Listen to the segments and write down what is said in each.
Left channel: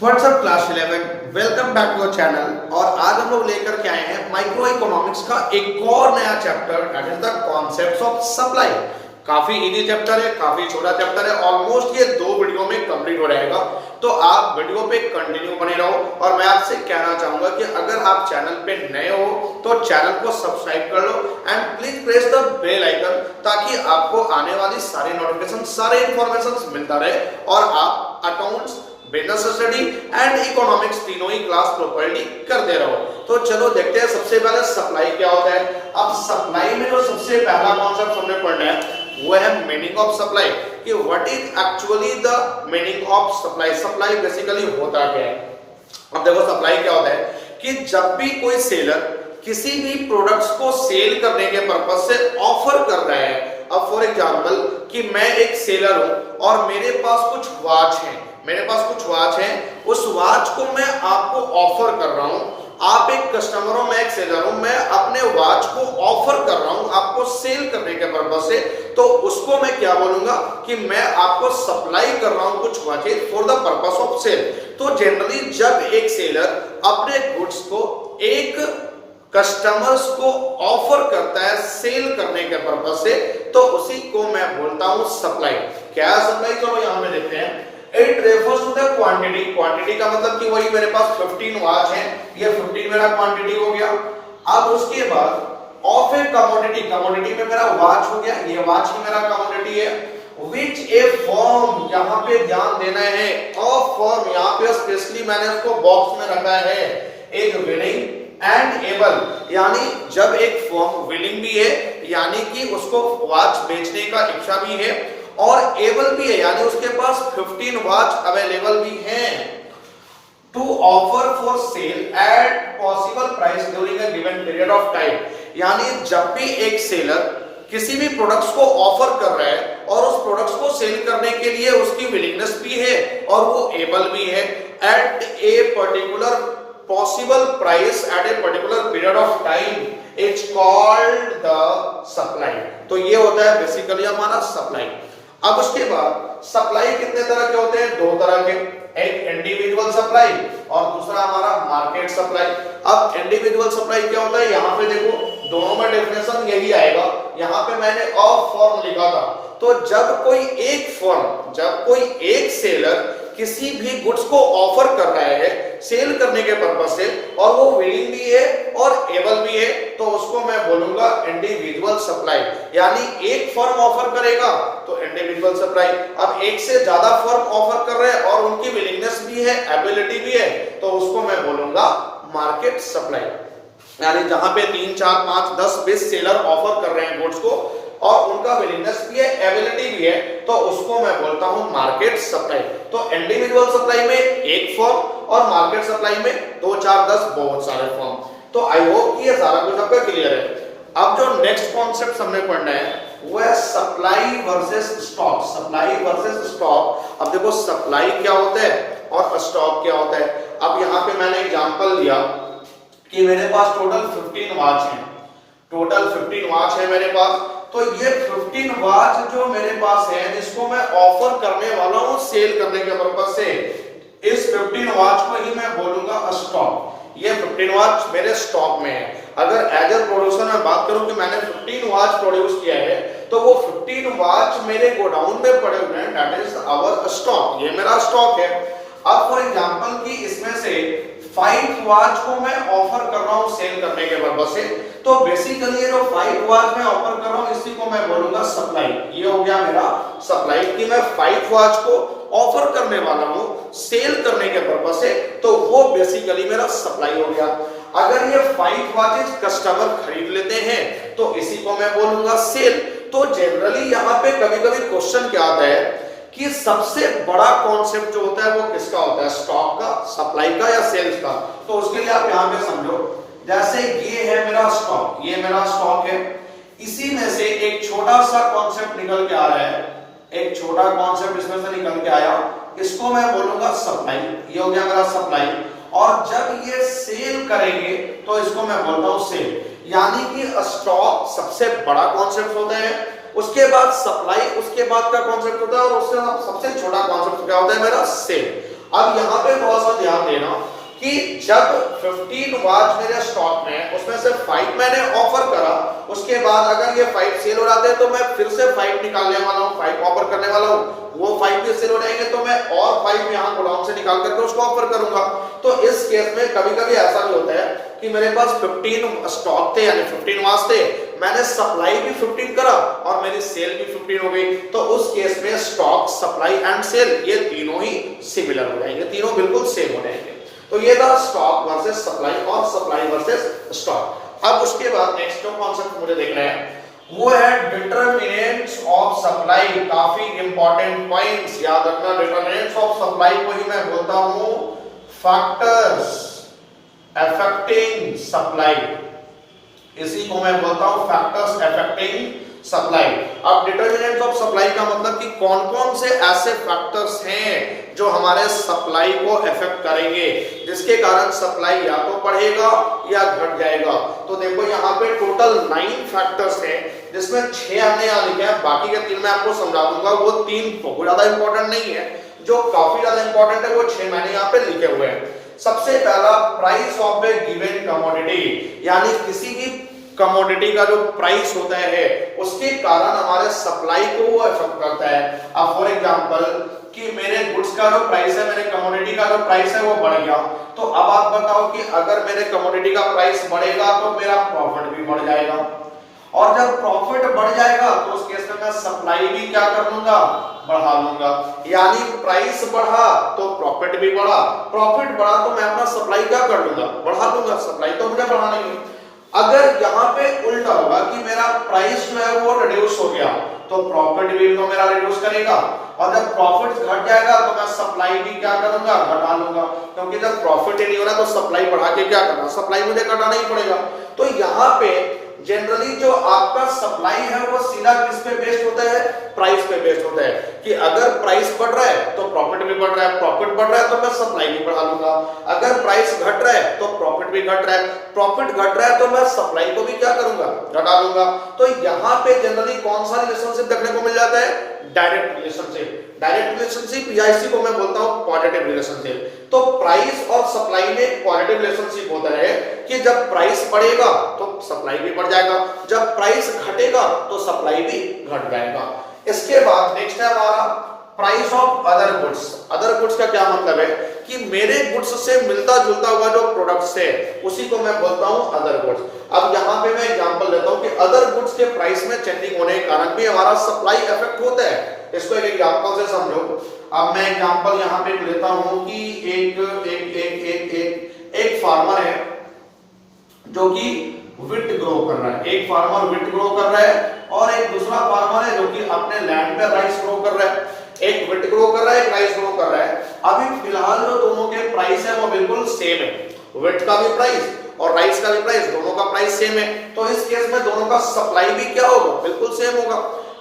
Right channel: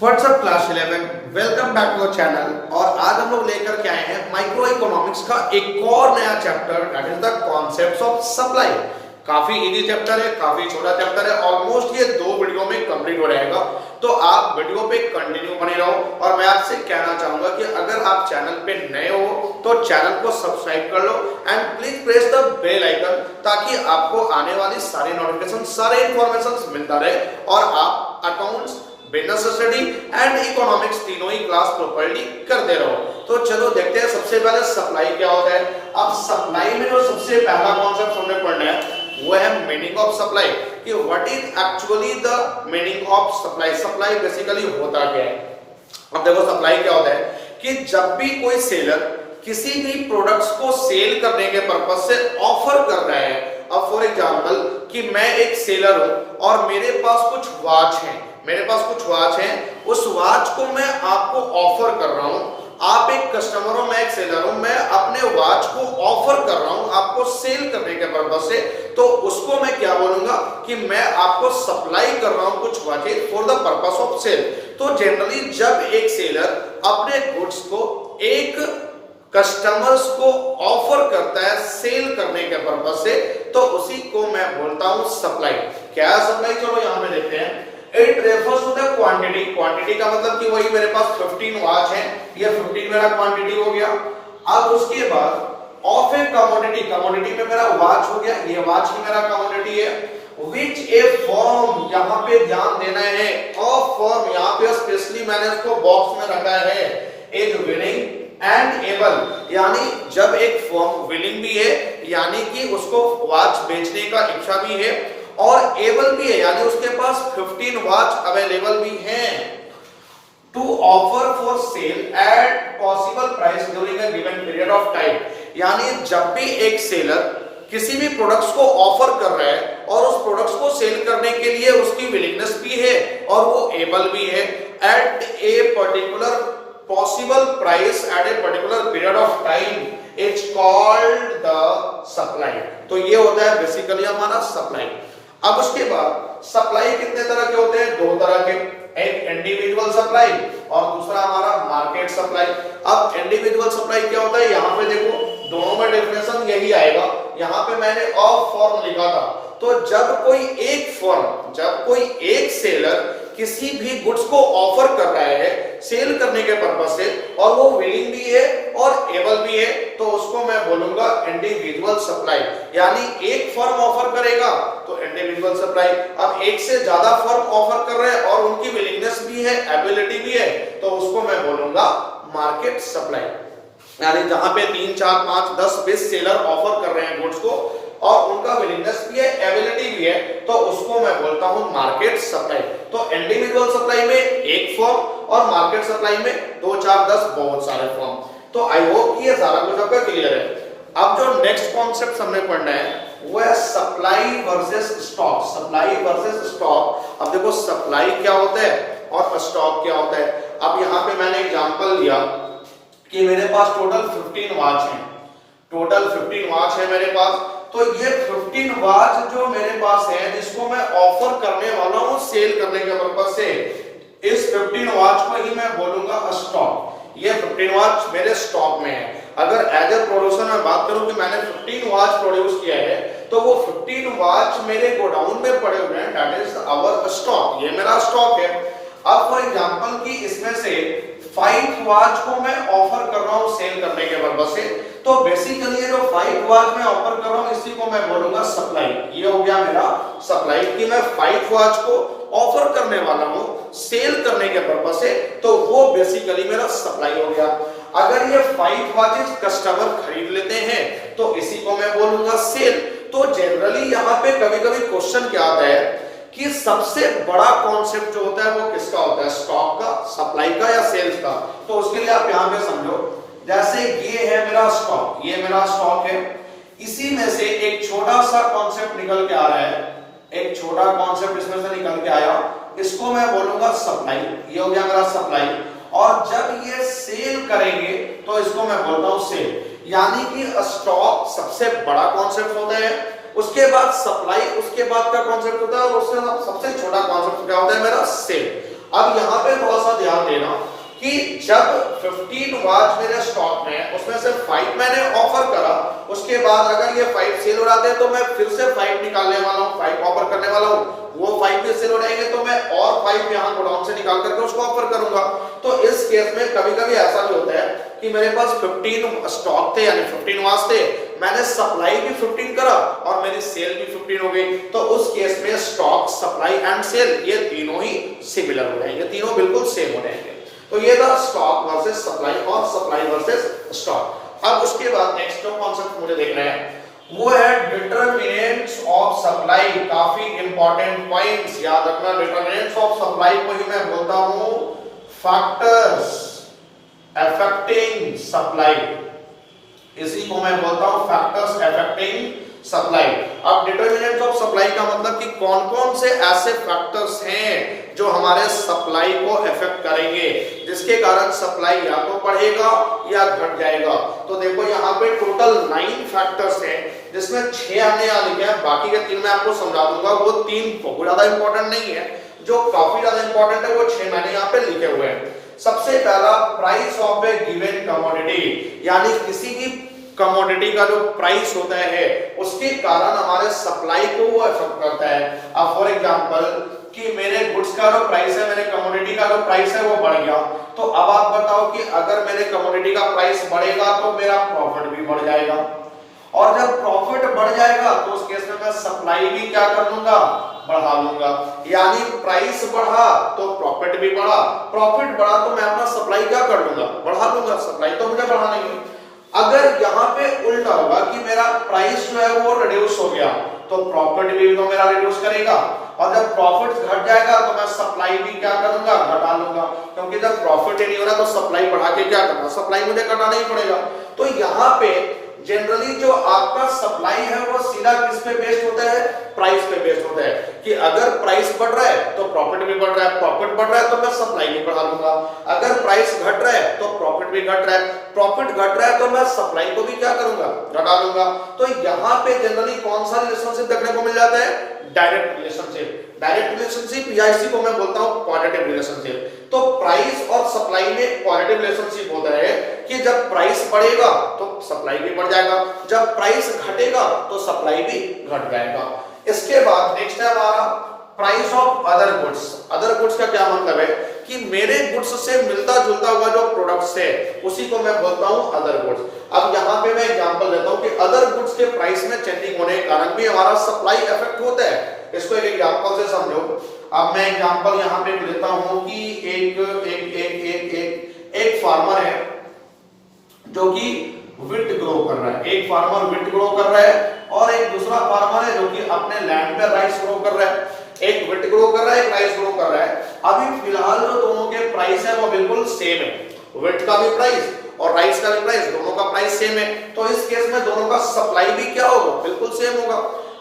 WhatsApp class 11 welcome back to the channel. और आज हम लोग लेकर के आए हैं माइक्रो इकोनॉमिक्स का एक और नया chapter, that is the concepts of supply. काफी इजी चैप्टर है, काफी छोटा चैप्टर है, ऑलमोस्ट ये 2 वीडियो में कंप्लीट हो जाएगा। तो आप वीडियो पे कंटिन्यू बने रहो। और मैं आपसे कहना चाहूंगा कि अगर आप चैनल पे नए हो तो चैनल को सब्सक्राइब कर लो and please press the bell icon, ताकि आपको आने वाली सारी नोटिफिकेशन, सारे इंफॉर्मेशन मिलता रहे और आप accounts, business study and economics तीनों ही क्लास प्रॉपर्ली करते रहो। तो चलो देखते हैं सबसे पहले सप्लाई क्या होता है। अब सप्लाई में जो सबसे पहला कॉन्सेप्ट हमने पढ़ना है वो है मीनिंग ऑफ सप्लाई, कि what is actually the meaning of supply. Supply basically होता क्या है। अब देखो सप्लाई क्या होता है कि जब भी कोई सेलर किसी भी प्रोडक्ट्स को सेल करने के पर्पज से ऑफर कर रहा है। अब फॉर एग्जांपल कि मैं एक सेलर हूं और मेरे पास कुछ वॉच है, उस वॉच को मैं आपको ऑफर कर रहा हूं। आप एक कस्टमर हो, मैं एक सेलर हूं, मैं अपने वॉच को ऑफर कर रहा हूं आपको सेल करने के पर्पज से, तो उसको मैं क्या बोलूंगा कि मैं आपको सप्लाई कर रहा हूं कुछ watches for the purpose of sale. तो जनरली जब एक सेलर अपने गुड्स को एक कस्टमर्स को ऑफर करता है सेल करने के पर्पज से, तो उसी को मैं बोलता हूं सप्लाई। क्या है सप्लाई? चलो यहां पे देखते हैं। It refers to the quantity. Quantity का मतलब कि वही मेरे पास 15 वॉच है, ये 15 मेरा क्वांटिटी हो गया। अब उसके बाद ऑफ ए कमोडिटी, कमोडिटी में मेरा वॉच हो गया, ये वॉच ही मेरा कमोडिटी है। विच ए फॉर्म, यहाँ पे ध्यान देना है, ऑफ फॉर्म यहाँ पे स्पेशली मैंने उसको बॉक्स में रखा है, इज विलिंग एंड एबल। यानी जब एक फर्म विलिंग भी है, यानी कि उसको वॉच बेचने का इच्छा भी है, और एबल भी है, यानी उसके पास 15 वॉच अवेलेबल भी हैं, to offer for sale at possible price during a given period of time. यानी जब भी एक सेलर किसी भी प्रोडक्ट्स को ऑफर कर रहा है और उस प्रोडक्ट्स को सेल करने के लिए उसकी विलिंगनेस भी है और वो एबल भी है, at a particular possible price at a particular period of time, it's called the supply। तो ये होता है बेसिकली हमारा सप्लाई। अब उसके बाद सप्लाई कितने तरह के होते हैं? 2 तरह के, एक इंडिविजुअल सप्लाई और दूसरा हमारा मार्केट सप्लाई। अब इंडिविजुअल सप्लाई क्या होता है, यहाँ पे देखो दोनों में डेफिनेशन यही आएगा। यहाँ पे मैंने ऑफ फॉर्म लिखा था। तो जब कोई एक सेलर किसी भी गुड्स को ऑफर कर रहा है सेल करने के पर्पज से, और वो विलिंग भी है और एबल भी है, तो उसको मैं बोलूंगा इंडिविजुअल सप्लाई। यानी एक फर्म ऑफर करेगा तो इंडिविजुअल सप्लाई। अब एक से ज्यादा फर्म ऑफर कर रहे हैं और उनकी विलिंगनेस भी है, एबिलिटी भी है, तो उसको मैं बोलूंगा मार्केट सप्लाई। यानी जहां पे 3, 4, 5, 10, 20 सेलर ऑफर कर रहे हैं गुड्स को और उनका विलिंगनेस भी है, एबिलिटी भी है, तो उसको मैं बोलता हूं मार्केट सप्लाई। तो इंडिविजुअल सप्लाई में एक फॉर्म और मार्केट सप्लाई में 2, 4, 10 बहुत सारे फॉर्म। तो आई होप कि ये सारा कुछ आपको क्लियर है। अब जो नेक्स्ट कॉन्सेप्ट हमें पढ़ना है वो है supply versus stock. Supply versus stock. अब देखो सप्लाई क्या होता है और स्टॉक क्या होता है। अब यहाँ पे मैंने एग्जांपल लिया कि मेरे पास टोटल 15 वॉच है मेरे पास। तो ये 15 वॉच जो मेरे पास है, इसको मैं ऑफर करने वाला हूं सेल करने के पर्पज से। इस 15 वॉच को ही मैं बोलूंगा स्टॉक। ये 15 वॉच मेरे स्टॉक में है। अगर एज ए प्रोड्यूसर मैं बात करूं कि मैंने 15 वॉच प्रोड्यूस किया है, तो वो 15 वॉच मेरे गोडाउन में पड़े हुए हैं, दैट इज आवर स्टॉक। ये मेरा स्टॉक है। अब फॉर एग्जांपल कि इसमें से 5 वॉच को मैं ऑफर कर रहा हूं सेल करने के पर्पज से, तो बेसिकली ये जो 5 वॉच मैं ऑफर कर रहा हूं इसी को मैं बोलूंगा सप्लाई। ये हो गया मेरा सप्लाई कि मैं 5 वॉच को ऑफर करने वाला हूं सेल करने के पर्पज से, तो वो बेसिकली मेरा सप्लाई हो गया। अगर ये 5 वॉचेस कस्टमर खरीद लेते हैं तो इसी को मैं बोलूंगा सेल। तो जनरली यहाँ पे कभी-कभी क्वेश्चन क्या आता है कि सबसे बड़ा कॉन्सेप्ट जो होता है वो किसका होता है, स्टॉक का, सप्लाई का या सेल्स का। तो उसके लिए आप यहाँ पे समझो, जैसे ये है मेरा स्टॉक, ये मेरा स्टॉक है, इसी में से एक छोटा सा कॉन्सेप्ट निकल के आ रहा है, एक छोटा कॉन्सेप्ट इसमें से निकल के आया, इसको मैं बोलूंगा सप्लाई। ये हो गया मेरा सप्लाई। और जब ये सेल करेंगे तो इसको मैं बोलता हूं सेल। यानी कि स्टॉक सबसे बड़ा कॉन्सेप्ट होता है, उसके बाद सप्लाई, उसके बाद का कॉन्सेप्ट होता है, और उसके बाद सबसे छोटा कॉन्सेप्ट क्या होता है मेरा सेल। अब यहाँ पे थोड़ा सा ध्यान देना कि जब 15 वॉच मेरे स्टॉक में, उसमें से 5 मैंने ऑफर करा, उसके बाद अगर ये 5 सेल हो जाते हैं तो मैं फिर से 5 निकालने वाला हूँ, 5 ऑफर करने वाला हूँ, वो 5 भी सेल हो जाएंगे तो मैं और 5 यहाँ गोडाउन से निकाल करके उसको ऑफर करूंगा। तो इस केस में कभी कभी ऐसा भी होता है कि मेरे पास 15 स्टॉक थे, यानी 15 वॉच थे, मैंने सप्लाई भी 15 करा और मेरी सेल भी 15 हो गई, तो उस केस में स्टॉक, सप्लाई एंड सेल ये तीनों ही सिमिलर हो जाएंगे, तीनों बिल्कुल सेम हो जाएंगे। तो ये था स्टॉक वर्सेस सप्लाई और सप्लाई वर्सेस स्टॉक। अब उसके बाद नेक्स्ट जो कॉन्सेप्ट मुझे देखना है वो है डिटरमिनेंट्स ऑफ सप्लाई। काफी इंपॉर्टेंट पॉइंट्स याद रखना। डिटरमिनेंट्स ऑफ सप्लाई को ही मैं बोलता हूं फैक्टर्स अफेक्टिंग सप्लाई, इसी को मैं बोलता हूं फैक्टर्स अफेक्टिंग सप्लाई। अब डिटरमिनेंट ऑफ सप्लाई का मतलब कि कौन कौन से ऐसे फैक्टर्स हैं जो हमारे सप्लाई को अफेक्ट करेंगे, जिसके कारण सप्लाई या तो बढ़ेगा या घट जाएगा। तो देखो यहाँ पे टोटल 9 फैक्टर्स हैं, जिसमें 6 हमने यहाँ लिखे हैं, बाकी के 3 मैं आपको समझा दूंगा। वो 3 बहुत ज्यादा इंपॉर्टेंट नहीं है, जो काफी ज्यादा इंपॉर्टेंट है वो 6 मैंने यहाँ पे लिखे हुए हैं। सबसे पहला price of A given commodity, यानी किसी भी कमोडिटी का जो प्राइस होता है उसके कारण हमारे सप्लाई को वो अफेक्ट करता है। अब फॉर एग्जांपल कि मेरे गुड्स का जो प्राइस है, मेरे कमोडिटी का जो प्राइस है वो बढ़ गया, तो अब आप बताओ कि अगर मेरे कमोडिटी का प्राइस बढ़ेगा तो मेरा प्रॉफिट भी बढ़ जाएगा, और जब प्रॉफिट बढ़ जाएगा तो उस केस में मैं सप्लाई भी क्या कर लूंगा, बढ़ा लूंगा। यानी प्राइस बढ़ा तो प्रॉफिट भी बढ़ा, प्रॉफिट बढ़ा तो मैं अपना सप्लाई क्या कर लूंगा, बढ़ा लूंगा। सप्लाई तो मुझे बढ़ाना ही है। अगर यहाँ पे उल्टा होगा कि मेरा प्राइस जो है वो रिड्यूस हो गया, तो प्रॉफिट भी तो मेरा रिड्यूस करेगा, और जब प्रॉफिट घट जाएगा तो मैं सप्लाई भी क्या करूंगा, घटा लूंगा, क्योंकि जब प्रॉफिट ही नहीं हो रहा तो सप्लाई बढ़ा के क्या करना, सप्लाई मुझे घटाना ही पड़ेगा। तो यहाँ पे जनरली जो आपका सप्लाई है वो सीधा किस पे बेस्ड होता है, प्राइस पे बेस्ड होता है, कि अगर प्राइस बढ़ रहा है तो प्रॉफिट भी बढ़ रहा है, प्रॉफिट बढ़ रहा है तो मैं सप्लाई भी बढ़ा लूंगा, अगर प्राइस घट रहा है तो प्रॉफिट भी घट रहा है, प्रॉफिट घट रहा है तो मैं सप्लाई को भी क्या करूंगा, घटा दूंगा। तो यहाँ पे जनरली कौन सा रिलेशनशिप देखने को मिल जाता है, डायरेक्ट रिलेशनशिप। डायरेक्ट रिलेशनशिप या इसी को मैं बोलता हूं क्वालिटेटिव रिलेशनशिप। तो प्राइस और सप्लाई में क्वालिटेटिव रिलेशनशिप होता है कि जब प्राइस बढ़ेगा तो सप्लाई भी बढ़ जाएगा, जब प्राइस घटेगा तो सप्लाई भी घट जाएगा। इसके बाद नेक्स्ट है हमारा price of other goods. Other goods का क्या मतलब है कि मेरे गुड्स से मिलता जुलता हुआ जो प्रोडक्ट्स है उसी को मैं बोलता हूं अदर गुड्स। अब यहाँ पे मैं एग्जांपल देता हूं कि अदर गुड्स के प्राइस में चेंजिंग होने के कारण भी हमारा सप्लाई इफेक्ट होता है। इसको एक एग्जांपल से समझो। अब मैं एग्जांपल यहाँ पे लेता हूं कि एक फार्मर है जो कि विट ग्रो कर रहा है, एक फार्मर विट ग्रो कर रहा है और एक दूसरा फार्मर है जो कि अपने लैंड में राइस ग्रो कर रहा है। एक विट ग्रो कर रहा है, एक राइस ग्रो कर रहा है। अभी फिलहाल जो दोनों के प्राइस है वो बिल्कुल सेम है, विट का भी प्राइस और राइस का भी प्राइस, दोनों का प्राइस सेम है। तो इस केस में दोनों का सप्लाई भी क्या होगा, बिल्कुल सेम होगा।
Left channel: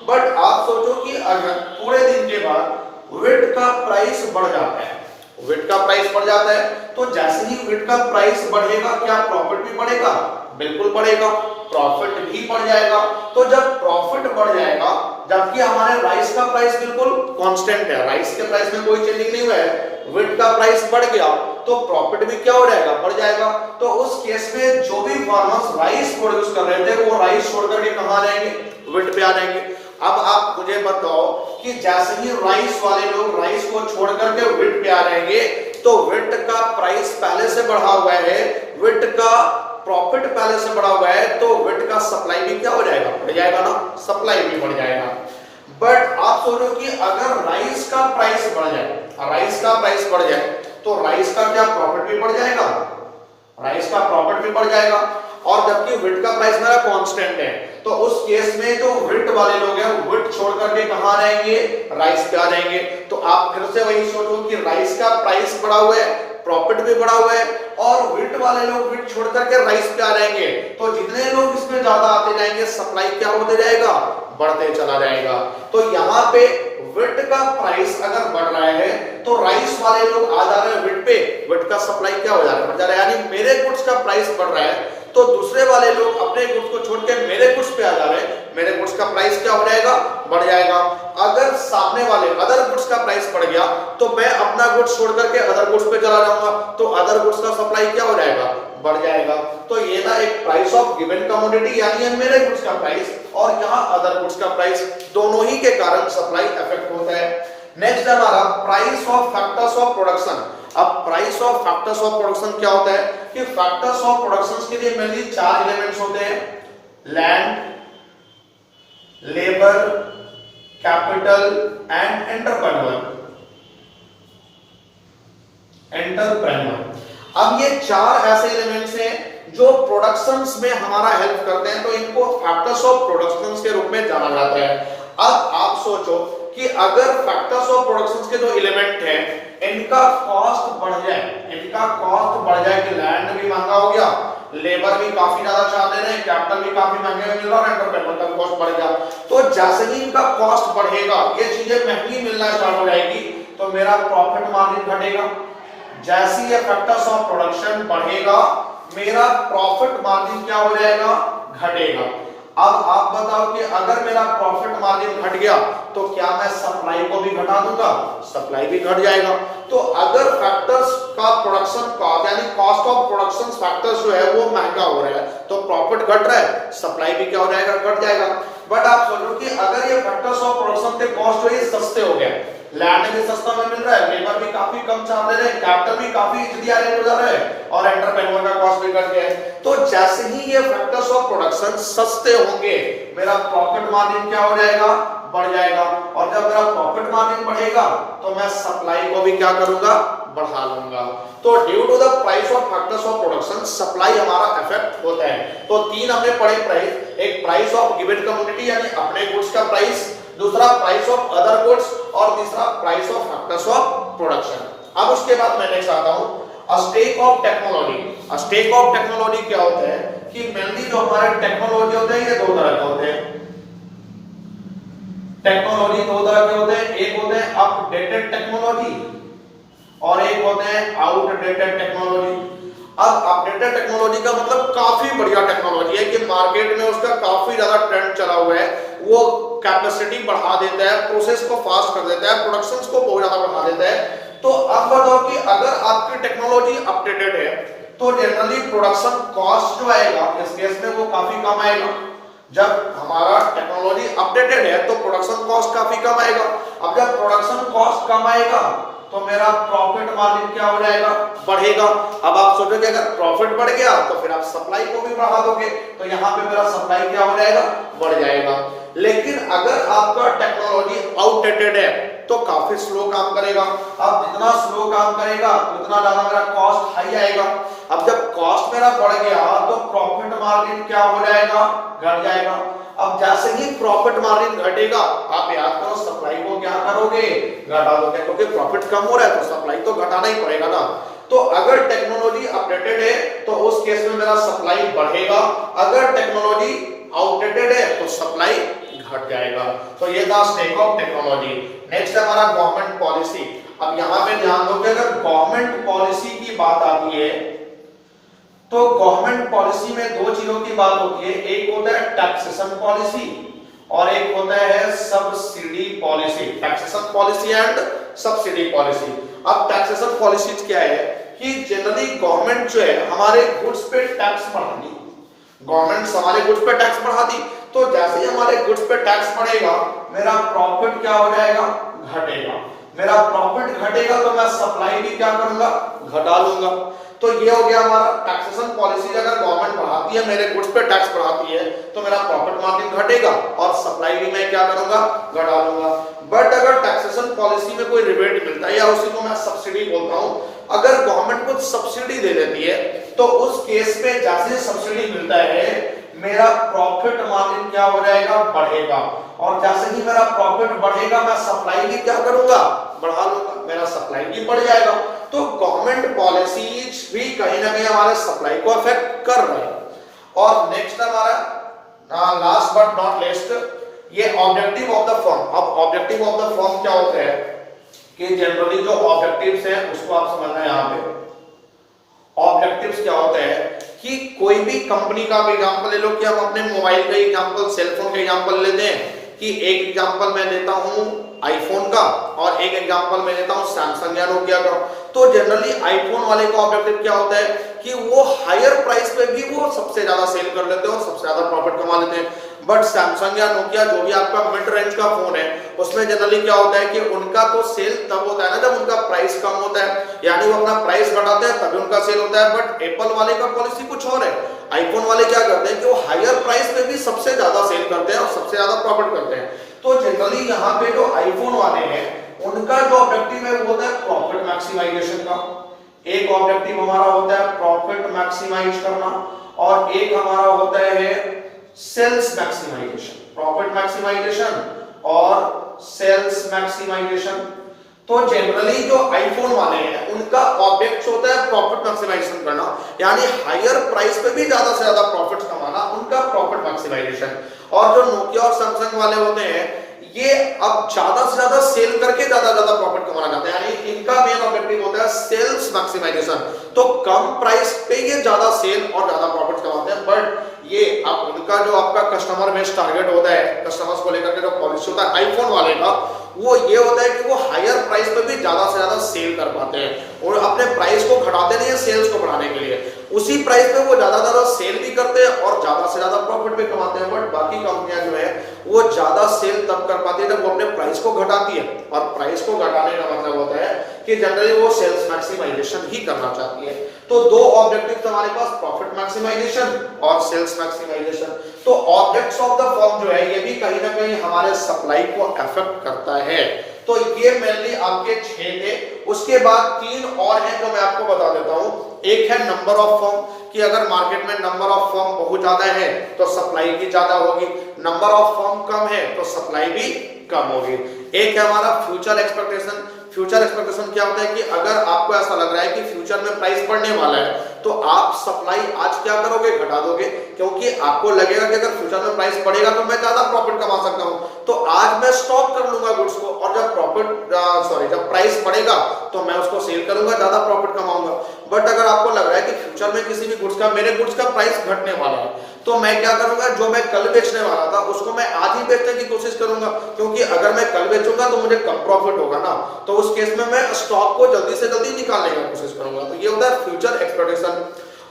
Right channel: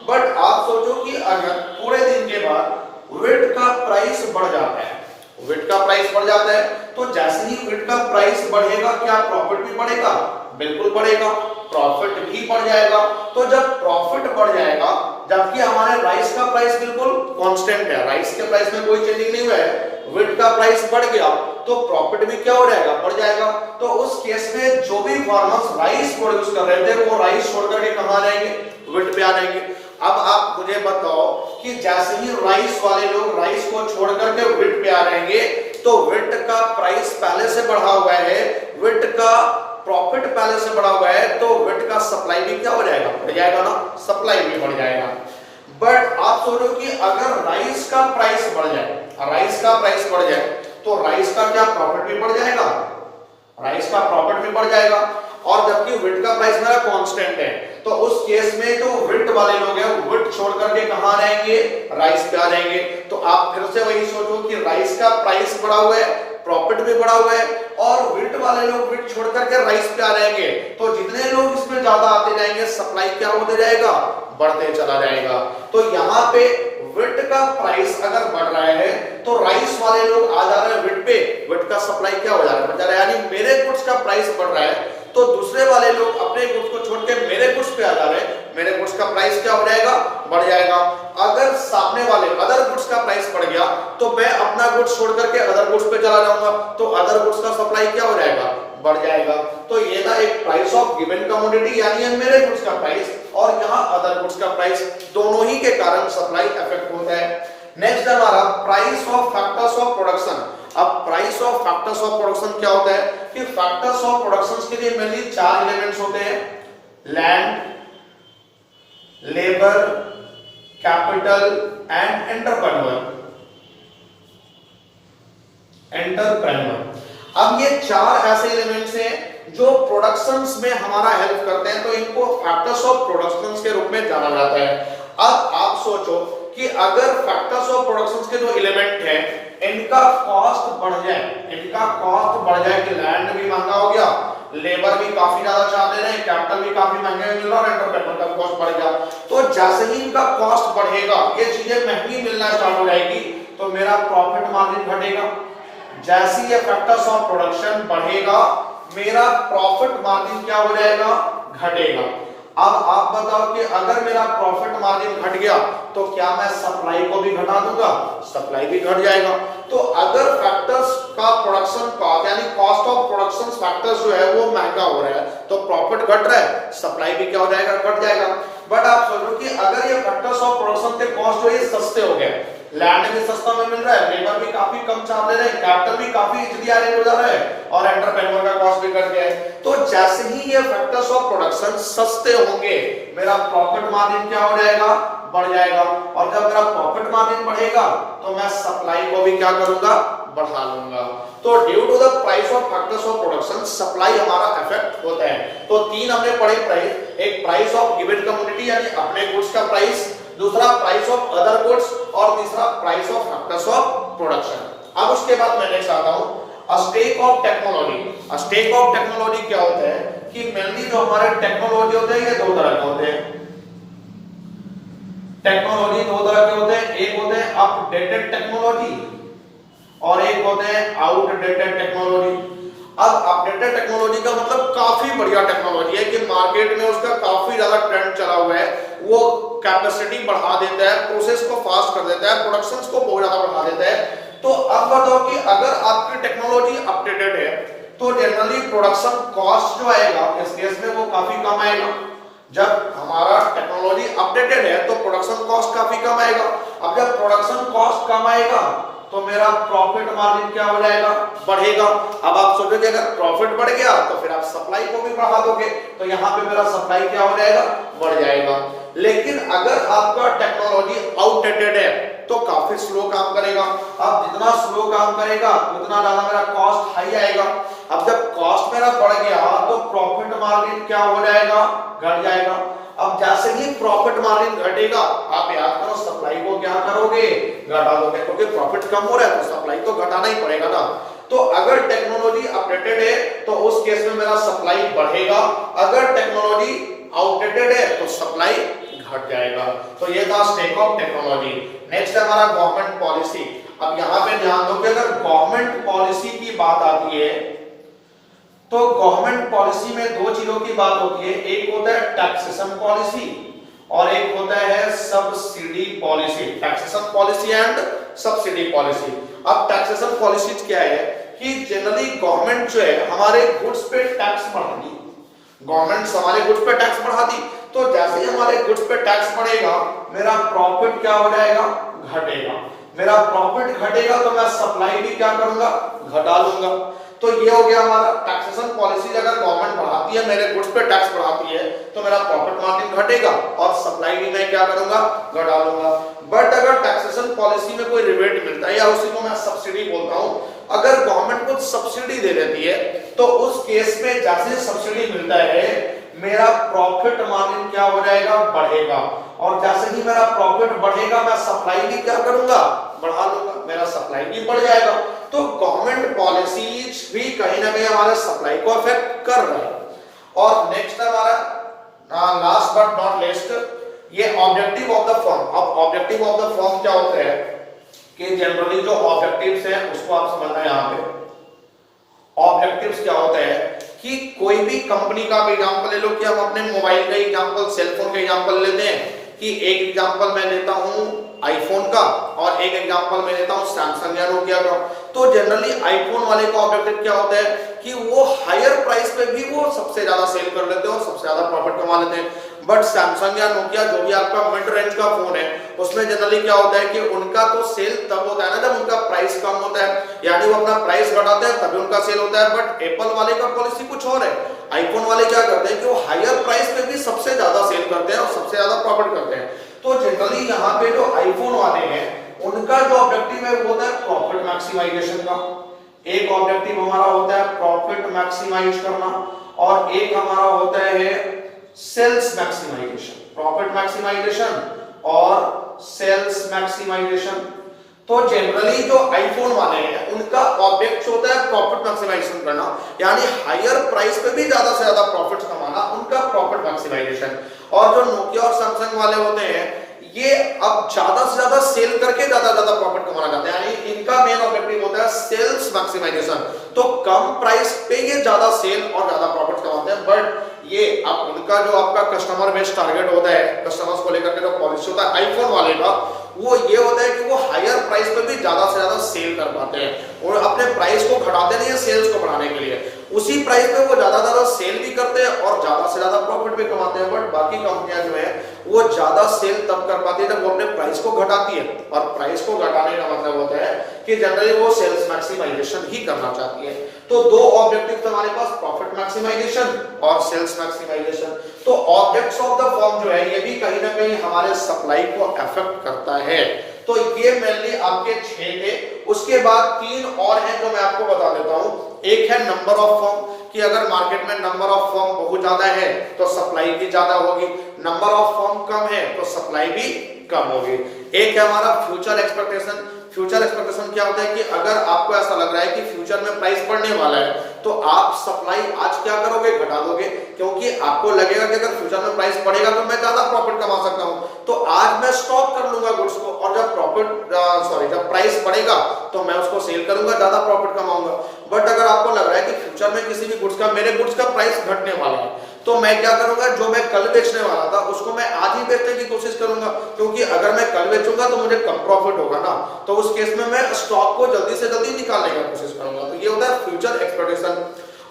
बट आप सोचो कि अगर पूरे दिन के बाद विट का प्राइस बढ़ जाता है, विट का प्राइस बढ़ जाता है, तो जैसे ही विट का प्राइस बढ़ेगा क्या प्रॉफिट भी बढ़ेगा, बिल्कुल बढ़ेगा, प्रॉफिट भी बढ़ जाएगा। तो जब प्रॉफिट बढ़ जाएगा, जबकि हमारे राइस का प्राइस बिल्कुल कांस्टेंट है, राइस के प्राइस में कोई चेंजिंग नहीं हुआ है, विट का प्राइस बढ़ गया तो प्रॉफिट भी क्या हो जाएगा, बढ़ जाएगा। तो उस केस में जो भी फार्मर्स राइस प्रोड्यूस कर रहे थे वो राइस छोड़ करके कहां आ जाएंगे, विट पे आ जाएंगे। अब आप मुझे बताओ कि जैसे ही राइस वाले लोग राइस को छोड़ करके विट पे आ जाएंगे तो विट का प्राइस पहले से बढ़ा हुआ है, विट का प्रॉफिट पहले से बढ़ा हुआ है, तो विट का सप्लाई भी क्या हो जाएगा, बढ़ जाएगा ना, सप्लाई भी बढ़ जाएगा। बट आप सोचो कि अगर राइस का प्राइस बढ़ जाए, राइस का प्राइस बढ़ जाए तो राइस का क्या प्रॉफिट भी बढ़ जाएगा, राइस का प्रॉफिट भी बढ़ जाएगा। और जबकि विट का प्राइस मेरा कांस्टेंट है, तो उस केस में जो विट वाले लोग हैं विट छोड़ करके कहां रहेंगे, राइस पे आ जाएंगे। तो आप फिर से वही सोचो कि राइस का प्राइस बढ़ा हुआ है, प्रॉफिट भी बढ़ा हुआ है, और विट वाले लोग विट छोड़ करके राइस पे आ जाएंगे। तो जितने लोग इसमें ज्यादा आते जाएंगे सप्लाई क्या होते जाएगा, बढ़ते चला जाएगा। तो यहाँ पे विट का प्राइस अगर बढ़ रहा है तो राइस वाले लोग आ जा रहे हैं विट पे, विट का सप्लाई क्या हो जा रहा है, बढ़ जा रहा है। यानी मेरे गुड्स का प्राइस बढ़ रहा है तो दूसरे वाले लोग अपने गुड्स को छोड़ के मेरे गुड्स पे आ जा रहे हैं, मेरे गुड्स का प्राइस क्या हो जाएगा, बढ़ जाएगा। अगर सामने वाले अदर गुड्स का प्राइस बढ़ गया तो मैं अपना गुड्स छोड़ करके अदर गुड्स पे चला जाऊंगा तो अदर गुड्स का सप्लाई क्या हो जाएगा, बढ़ जाएगा। तो ये था एक प्राइस ऑफ गिवन कमोडिटी, यानी मेरे गुड्स का प्राइस और यहाँ अदर गुड्स का प्राइस, दोनों ही के कारण सप्लाई इफेक्ट होता है। नेक्स्ट है हमारा price of factors of production. अब price of factors of production क्या होता है कि फैक्टर्स ऑफ प्रोडक्शन के लिए मेनली 4 एलिमेंट्स होते हैं, land, labour, capital and entrepreneur. अब ये 4 ऐसे एलिमेंट्स हैं जो प्रोडक्शंस में हमारा हेल्प करते हैं, तो इनको फैक्टर्स ऑफ प्रोडक्शंस के रूप में जाना जाता है। अब आप सोचो कि अगर फैक्टर्स ऑफ प्रोडक्शंस के जो एलिमेंट हैं इनका कॉस्ट बढ़ जाए कि लैंड भी महंगा हो गया, लेबर भी काफी ज्यादा चार्ज ले रहे हैं, कैपिटल भी काफी महंगे मिल रहा है, एंटरप्रेन्योर का कॉस्ट बढ़ गया, तो जैसे ही इनका कॉस्ट बढ़ेगा, ये चीजें महंगी मिलना स्टार्ट हो जाएगी, तो मेरा प्रॉफिट मार्जिन घटेगा। जैसे ये फैक्टर्स ऑफ प्रोडक्शन बढ़ेगा, मेरा प्रॉफिट मार्जिन क्या हो जाएगा, घटेगा। अब आप बताओ कि अगर मेरा प्रॉफिट मार्जिन घट गया तो क्या मैं सप्लाई को भी घटा दूंगा, सप्लाई भी घट जाएगा। तो अगर फैक्टर्स का प्रोडक्शन कॉस्ट यानी कॉस्ट ऑफ प्रोडक्शन फैक्टर्स जो है वो महंगा हो रहा है तो प्रॉफिट घट रहा है, सप्लाई भी क्या हो जाएगा, घट जाएगा। बट आप सोचो कि अगर ये फैक्टर्स ऑफ प्रोडक्शन के कॉस्ट जो है सस्ते हो गए, लैंड भी सस्ता में मिल रहा है, लेबर भी काफी कम चार्ज ले रहे हैं, कैपिटल भी काफी इजीली अरेंज हो जा रहा है और एंटरप्रेन्योर का कॉस्ट भी घट गया है, तो जैसे ही ये फैक्टर्स ऑफ प्रोडक्शन सस्ते होंगे मेरा प्रॉफिट मार्जिन क्या हो जाएगा, बढ़ जाएगा। और जब मेरा प्रॉफिट मार्जिन बढ़ेगा तो मैं सप्लाई को भी क्या करूंगा, बढ़ा लूंगा। तो due to the price of factors of production supply हमारा इफेक्ट होता है। तो 3 हमने पढ़े प्राइस, एक प्राइस ऑफ गिवन कमोडिटी यानी अपने गुड्स का प्राइस, दूसरा प्राइस ऑफ अदर गुड्स और तीसरा price of factors of production. अब उसके बाद मैं नेक्स्ट आता हूं state of technology. State of technology क्या होता है कि मेनली जो हमारे टेक्नोलॉजी होते हैं ये 2 तरह के होते हैं। टेक्नोलॉजी 2 तरह के होते हैं, एक होते हैं अपडेटेड टेक्नोलॉजी और एक होते हैं आउटडेटेड टेक्नोलॉजी। अब अपडेटेड टेक्नोलॉजी का मतलब काफी बढ़िया टेक्नोलॉजी है कि मार्केट में उसका काफी ज्यादा ट्रेंड चला हुआ है, वो कैपेसिटी बढ़ा देता है, प्रोसेस को फास्ट कर देता है, प्रोडक्शंस को बहुत ज्यादा बढ़ा देता है। तो अब बताओ कि अगर आपकी टेक्नोलॉजी अपडेटेड है तो जनरली प्रोडक्शन कॉस्ट जो आएगा इस केस में वो काफी कम आएगा। जब हमारा टेक्नोलॉजी अपडेटेड है तो प्रोडक्शन कॉस्ट काफी कम आएगा। अब जब प्रोडक्शन कॉस्ट कम आएगा तो मेरा प्रॉफिट मार्जिन क्या हो जाएगा, बढ़ेगा। अब आप सोचोगे अगर प्रॉफिट बढ़ गया तो फिर आप सप्लाई को भी बढ़ा दोगे, तो यहाँ पे मेरा सप्लाई क्या हो जाएगा, बढ़ जाएगा। लेकिन अगर आपका टेक्नोलॉजी आउटडेटेड है तो काफी स्लो काम करेगा। अब जितना स्लो काम करेगा उतना ज्यादा मेरा कॉस्ट हाई आएगा। अब जब कॉस्ट मेरा बढ़ गया तो प्रॉफिट मार्जिन क्या हो जाएगा, घट जाएगा। अब जैसे ही प्रॉफिट मार्जिन घटेगा आप याद करो सप्लाई को क्या करोगे, घटा दोगे, क्योंकि प्रॉफिट कम हो रहा है तो सप्लाई तो घटाना ही पड़ेगा ना। तो अगर टेक्नोलॉजी अपडेटेड है तो उस केस में मेरा सप्लाई बढ़ेगा, अगर टेक्नोलॉजी आउटडेटेड है तो सप्लाई घट जाएगा। तो ये था स्टेक ऑफ टेक्नोलॉजी। नेक्स्ट है हमारा गवर्नमेंट पॉलिसी। अब यहाँ पे ध्यान दो कि अगर गवर्नमेंट पॉलिसी की बात आती है तो गवर्नमेंट पॉलिसी में 2 चीजों की बात होती है, एक होता है टैक्सेशन पॉलिसी और एक होता है subsidy policy. Taxation policy and subsidy policy. अब टैक्सेशन पॉलिसी क्या है कि जनरली गवर्नमेंट जो है हमारे गुड्स पे टैक्स बढ़ाती, गवर्नमेंट हमारे गुड्स पे टैक्स बढ़ाती, तो जैसे ही हमारे गुड्स पे टैक्स बढ़ेगा मेरा प्रॉफिट क्या हो जाएगा, घटेगा। मेरा प्रॉफिट घटेगा तो मैं सप्लाई भी क्या करूंगा, घटा लूंगा। तो ये हो गया हमारा टैक्सेशन पॉलिसी। अगर गवर्नमेंट बढ़ाती है, मेरे गुड्स पे टैक्स बढ़ाती है तो मेरा प्रॉफिट मार्जिन घटेगा और सप्लाई भी मैं क्या करूंगा, घटा लूंगा। बट अगर टैक्सेशन पॉलिसी में कोई रिबेट मिलता है या उसी को मैं सब्सिडी बोलता हूं, अगर गवर्नमेंट कुछ सब्सिडी दे देती है तो उस केस में जैसे सब्सिडी मिलता है मेरा प्रॉफिट मार्जिन क्या हो जाएगा, बढ़ेगा। और जैसे ही मेरा प्रॉफिट बढ़ेगा मैं सप्लाई भी क्या करूंगा, बढ़ा लूंगा, मेरा सप्लाई भी बढ़ जाएगा। तो गवर्नमेंट पॉलिसीज भी कहीं ना कहीं हमारे सप्लाई को अफेक्ट कर रहे हैं। और नेक्स्ट हमारा लास्ट बट नॉट लीस्ट ये ऑब्जेक्टिव ऑफ द फर्म। अब ऑब्जेक्टिव ऑफ द फर्म क्या होते हैं कि जनरली जो ऑब्जेक्टिव्स है उसको आप समझना है। यहाँ पे ऑब्जेक्टिव्स क्या होते हैं कि कोई भी कंपनी का एग्जांपल ले लो, कि हम अपने मोबाइल का एग्जांपल, सेलफोन का एग्जांपल लेते हैं कि एक एग्जांपल मैं देता हूं आईफोन का और एक एग्जांपल मैं लेता हूं सैमसंग या नोकिया का। तो जनरली आईफोन वाले का ऑब्जेक्टिव क्या होता है कि वो हायर प्राइस पे भी वो सबसे ज्यादा सेल कर लेते हैं और सबसे ज्यादा प्रॉफिट कमा लेते हैं। बट सैमसंग या नोकिया जो भी आपका मिड रेंज का फोन है उसमें जनरली क्या होता है कि उनका तो सेल तब होता है ना जब उनका प्राइस कम होता है, यानी वो अपना प्राइस घटाते हैं तभी उनका सेल होता है। बट एप्पल वाले का पॉलिसी कुछ और है। आईफोन वाले क्या करते हैं कि वो हायर प्राइस पे भी सबसे ज्यादा सेल करते हैं और सबसे ज्यादा प्रॉफिट करते हैं। तो जनरली यहाँ पे जो आईफोन वाले हैं उनका जो ऑब्जेक्टिव है वो होता है प्रॉफिट मैक्सिमाइजेशन का। एक ऑब्जेक्टिव हमारा होता है प्रॉफिट मैक्सिमाइज करना और एक हमारा होता है सेल्स मैक्सिमाइजेशन। प्रॉफिट मैक्सिमाइजेशन और सेल्स मैक्सिमाइजेशन। तो जनरली जो आईफोन वाले हैं उनका ऑब्जेक्ट होता है प्रॉफिट मैक्सिमाइजेशन करना, यानी हायर प्राइस पे भी ज्यादा से ज्यादा प्रॉफिट कमाना, उनका प्रॉफिट मैक्सिमाइजेशन। और जो नोकिया और सैमसंग वाले होते हैं ये अब ज्यादा से ज्यादा सेल करके ज्यादा प्रॉफिट कमाना चाहते हैं, यानी इनका मेन ऑब्जेक्टिव होता है सेल्स मैक्सिमाइजेशन। तो कम प्राइस पे ये ज्यादा सेल और ज्यादा प्रॉफिट कमाते हैं। बट ये अब उनका जो आपका कस्टमर बेस टारगेट होता है, कस्टमर्स को लेकर के जो पॉलिसी होता है आईफोन वाले का, वो ये होता है कि वो हायर प्राइस पे भी ज्यादा से ज्यादा सेल कर पाते हैं और अपने प्राइस को घटाते नहीं है सेल्स को बढ़ाने के लिए। उसी प्राइस पे वो ज्यादा सेल भी करते हैं और ज्यादा से ज्यादा प्रॉफिट भी कमाते हैं। बट बाकी कंपनियां जो है वो ज्यादा सेल तब कर पाती है जब वो अपने प्राइस को घटाती है, और प्राइस को घटाने का मतलब होता है कि जनरली वो सेल्स मैक्सिमाइजेशन ही करना चाहती है। तो दो ऑब्जेक्टिव हमारे पास, प्रॉफिट मैक्सिमाइजेशन और सेल्स मैक्सिमाइजेशन। तो ऑब्जेक्ट्स ऑफ द फर्म जो है ये भी कहीं ना कहीं हमारे सप्लाई को अफेक्ट करता है। तो ये मेनली आपके 6 थे। उसके बाद 3 और हैं जो मैं आपको बता देता हूं। एक है नंबर ऑफ फर्म, कि अगर मार्केट में नंबर ऑफ फर्म बहुत ज्यादा है तो सप्लाई भी ज्यादा होगी, नंबर ऑफ फर्म कम है तो सप्लाई भी कम होगी। एक है हमारा फ्यूचर एक्सपेक्टेशन। फ्यूचर एक्सपेक्टेशन क्या होता है कि अगर आपको ऐसा लग रहा है कि फ्यूचर में प्राइस बढ़ने वाला है तो आप सप्लाई आज क्या करोगे, घटा दोगे, क्योंकि आपको लगेगा कि अगर फ्यूचर में प्राइस बढ़ेगा तो मैं ज्यादा प्रॉफिट कमा सकता हूं, तो आज मैं स्टॉक कर लूंगा गुड्स को, और जब प्राइस बढ़ेगा तो मैं उसको सेल करूंगा, ज्यादा प्रॉफिट कमाऊंगा। बट अगर आपको लग रहा है कि फ्यूचर में किसी भी गुड्स का, मेरे गुड्स का प्राइस घटने वाला है, तो मैं क्या करूंगा, जो मैं कल बेचने वाला था उसको मैं आज ही बेचने की कोशिश करूंगा, क्योंकि अगर मैं कल बेचूंगा तो मुझे कम प्रॉफिट होगा ना। तो उस केस में मैं स्टॉक को जल्दी से जल्दी निकालने की कोशिश करूंगा। तो ये होता है फ्यूचर एक्सपेक्टेशन।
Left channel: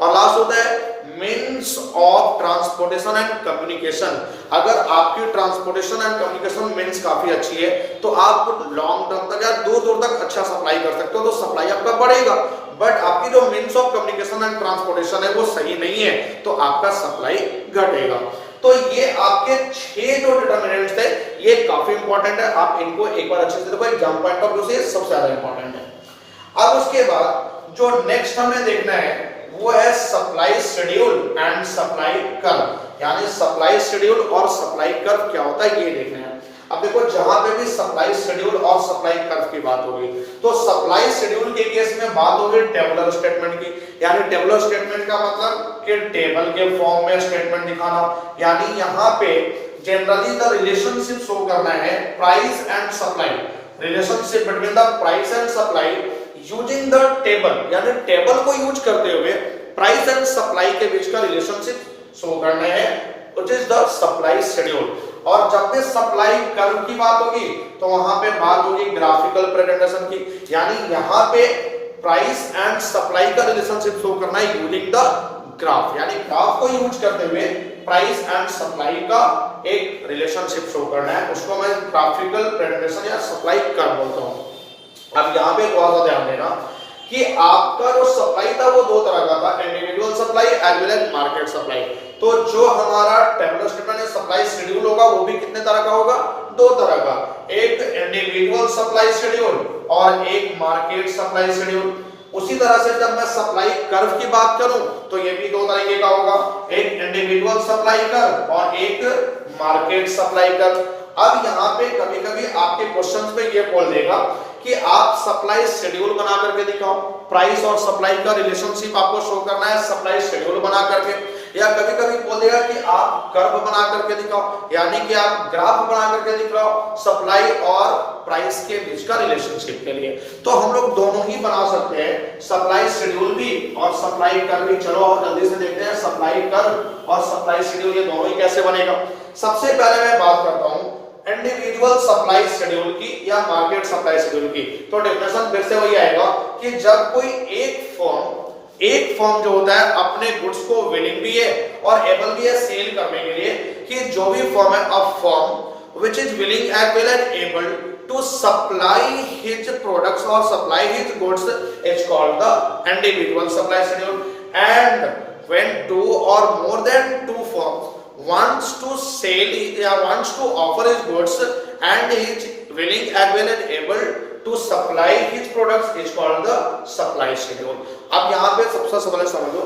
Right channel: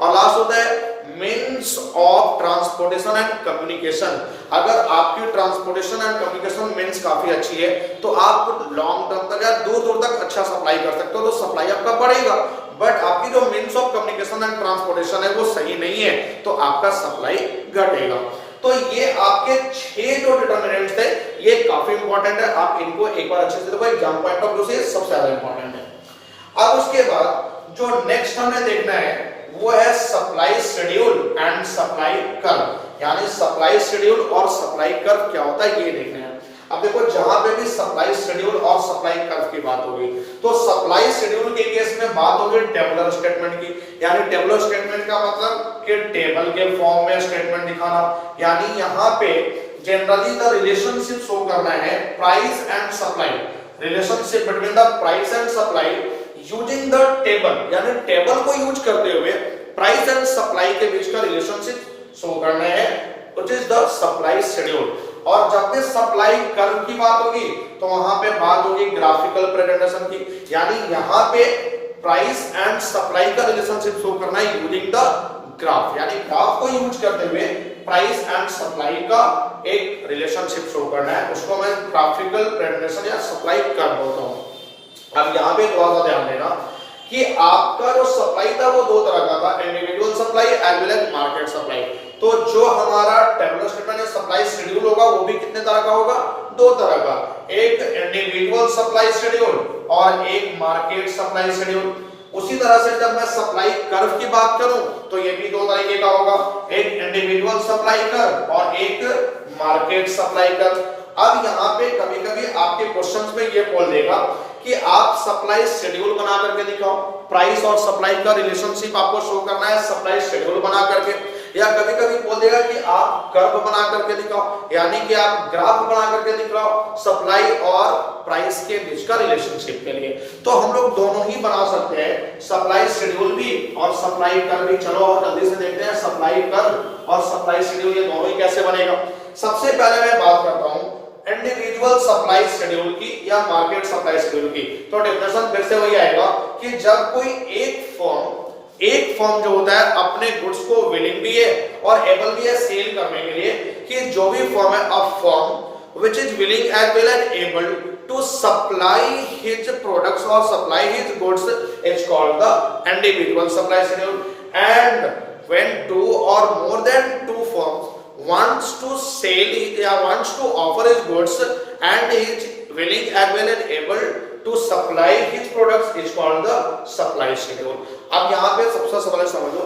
और लास्ट होता है means of transportation and communication. अगर आपकी ट्रांसपोर्टेशन एंड कम्युनिकेशन मीन्स काफी अच्छी है तो आप लॉन्ग टर्म तक या दूर तक अच्छा सप्लाई कर सकते हो, तो सप्लाई आपका बढ़ेगा। बट आपकी जो means of communication and transportation है वो सही नहीं है तो आपका सप्लाई घटेगा। तो ये आपके 6 जो डिटरमिनेंट्स थे ये काफी इंपॉर्टेंट है, आप इनको एक बार अच्छे से देखो, एग्जाम पॉइंट ऑफ व्यू से सबसे ज्यादा इंपॉर्टेंट है। अब उसके बाद जो नेक्स्ट हमें देखना है वो है supply schedule and supply curve. यानी सप्लाई शेड्यूल और सप्लाई कर्व क्या होता है ये देखना है। अब देखो जहां पे भी सप्लाई शेड्यूल और सप्लाई कर्व की बात होगी तो सप्लाई शेड्यूल के केस में बात होगी टेबुलर स्टेटमेंट की। यानी टेबुलर स्टेटमेंट का मतलब कि टेबल के फॉर्म में स्टेटमेंट दिखाना, यानी यहाँ पे जनरली द रिलेशनशिप शो करना है price and supply, relationship between the price and supply using the table, यानी टेबल को यूज करते हुए प्राइस एंड सप्लाई के बीच का रिलेशनशिप शो करना है, which is the supply schedule. और जब भी सप्लाई कर्व की बात होगी तो वहां पे बात होगी ग्राफिकल प्रेजेंटेशन की, यानी यहाँ पे प्राइस एंड सप्लाई का रिलेशनशिप शो करना है यूजिंग द ग्राफ, यानी ग्राफ को यूज करते हुए प्राइस एंड सप्लाई का एक रिलेशनशिप शो करना है, उसको मैं ग्राफिकल प्रेजेंटेशन या सप्लाई कर्व बोलता हूं। अब यहाँ पे थोड़ा सा ध्यान देना कि आपका जो सप्लाई था वो 2 तरह का था, individual supply as well as market supply. तो जो हमारा टेबुलर स्टेटमेंट या सप्लाई शेड्यूल होगा वो भी कितने तरह का होगा, 2 तरह का, एक इंडिविजुअल सप्लाई शेड्यूल और एक मार्केट सप्लाई शेड्यूल। उसी तरह से जब मैं सप्लाई कर्व की बात करूं तो ये भी 2 तरीके का होगा, एक इंडिविजुअल सप्लाई कर्व और एक मार्केट सप्लाई कर्व। अब यहाँ पे कभी कभी आपके क्वेश्चंस में ये बोल देगा कि आप सप्लाई शेड्यूल बना करके दिखाओ, प्राइस और सप्लाई का रिलेशनशिप आपको शो करना है सप्लाई शेड्यूल बना करके, या कभी कभी बोल देगा कि आप कर्व बना करके दिखाओ, यानी कि आप ग्राफ बना करके दिखाओ सप्लाई और प्राइस के बीच का रिलेशनशिप के लिए। तो हम लोग दोनों ही बना सकते हैं, सप्लाई शेड्यूल भी और सप्लाई कर्व भी। चलो और जल्दी से देखते हैं सप्लाई कर्व और सप्लाई शेड्यूल ये दोनों ही कैसे बनेगा। सबसे पहले मैं बात करता हूं इंडिविजुअल इंडिविजुअल सप्लाई शेड्यूल की या मार्केट सप्लाई शेड्यूल की। तो डेफिनेशन फिर से वही आएगा कि जब कोई एक फर्म जो होता है अपने गुड्स को विलिंग भी है और एबल भी है सेल करने के लिए, कि जो भी फर्म है a firm which is willing as well as able to supply his products or supply his goods is called the individual supply schedule. And when two or more than two firms wants to sell or wants to offer his goods and is willing as well as able to supply his products is called the supply schedule. अब यहाँ पे सबसे पहले समझो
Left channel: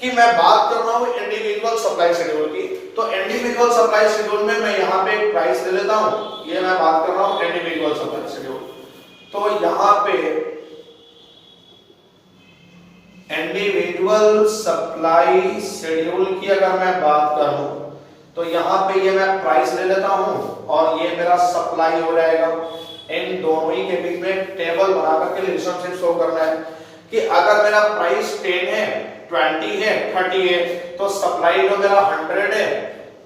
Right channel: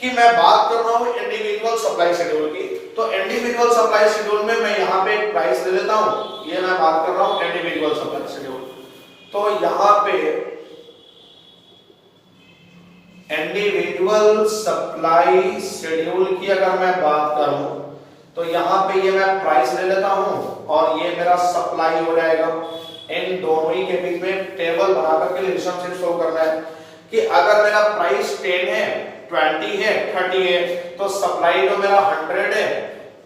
कि मैं बात कर रहा हूँ इंडिविजुअल सप्लाई शेड्यूल की। तो इंडिविजुअल सप्लाई शेड्यूल में मैं यहाँ पे एक प्राइस ले लेता हूँ, ये मैं बात कर रहा हूँ इंडिविजुअल सप्लाई शेड्यूल। तो यहाँ पे इंडिविजुअल सप्लाई शेड्यूल की अगर मैं बात करूं तो यहाँ पे ये मैं प्राइस ले लेता हूँ और ये मेरा सप्लाई हो जाएगा। इन दोनों ही के बीच में टेबल बना करके रिलेशनशिप शो करना है कि अगर मेरा प्राइस 10 है, 20 है, 30 है, तो सप्लाई जो मेरा 100 है,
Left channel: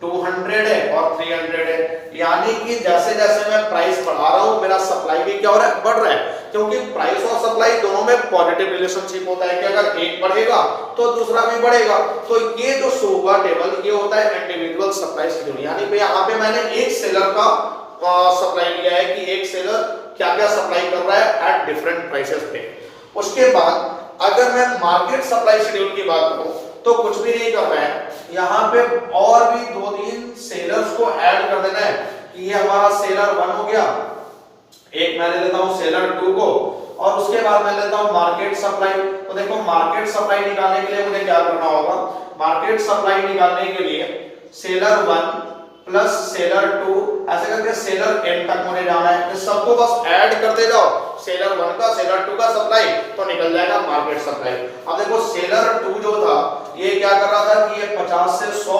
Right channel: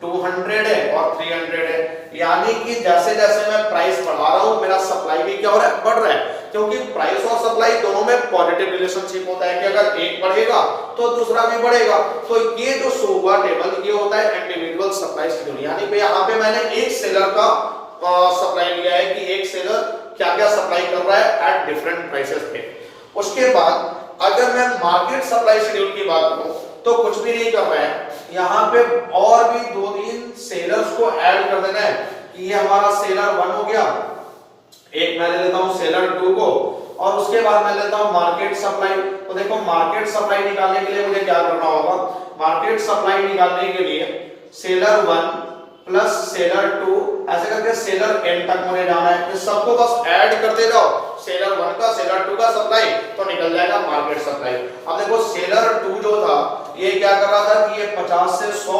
200 है और 300 है। यानी कि जैसे जैसे मैं प्राइस बढ़ा रहा हूं मेरा सप्लाई भी क्या हो रहा है, बढ़ रहा है, क्योंकि प्राइस और सप्लाई दोनों में पॉजिटिव रिलेशनशिप होता है कि अगर एक बढ़ेगा तो दूसरा भी बढ़ेगा। तो ये जो शो हुआ टेबल ये होता है इंडिविजुअल सप्लाई शेड्यूल। यानी कि यहाँ पे मैंने एक सेलर का सप्लाई लिया है कि एक सेलर क्या क्या सप्लाई कर रहा है एट डिफरेंट प्राइसेस पे। उसके बाद अगर मैं मार्केट सप्लाई शेड्यूल की बात करूं तो कुछ भी नहीं करना है, यहाँ पे और भी 2-3 सेलर्स को ऐड कर देना है कि ये हमारा सेलर 1 हो गया, एक मैं ले लेता हूं सेलर 2 को, और उसके बाद मैं लेता हूं मार्केट सप्लाई। तो देखो मार्केट सप्लाई निकालने के लिए मुझे क्या करना होगा, मार्केट सप्लाई निकालने के लिए सेलर 1 प्लस सेलर 2 ऐसे करके सेलर n तक मुझे जाना है। इस सबको बस ऐड करते जाओ, सेलर 1 का सेलर 2 का सप्लाई, तो निकल जाएगा मार्केट सप्लाई। अब देखो सेलर 2 जो था ये क्या कर रहा था कि ये 50 से 100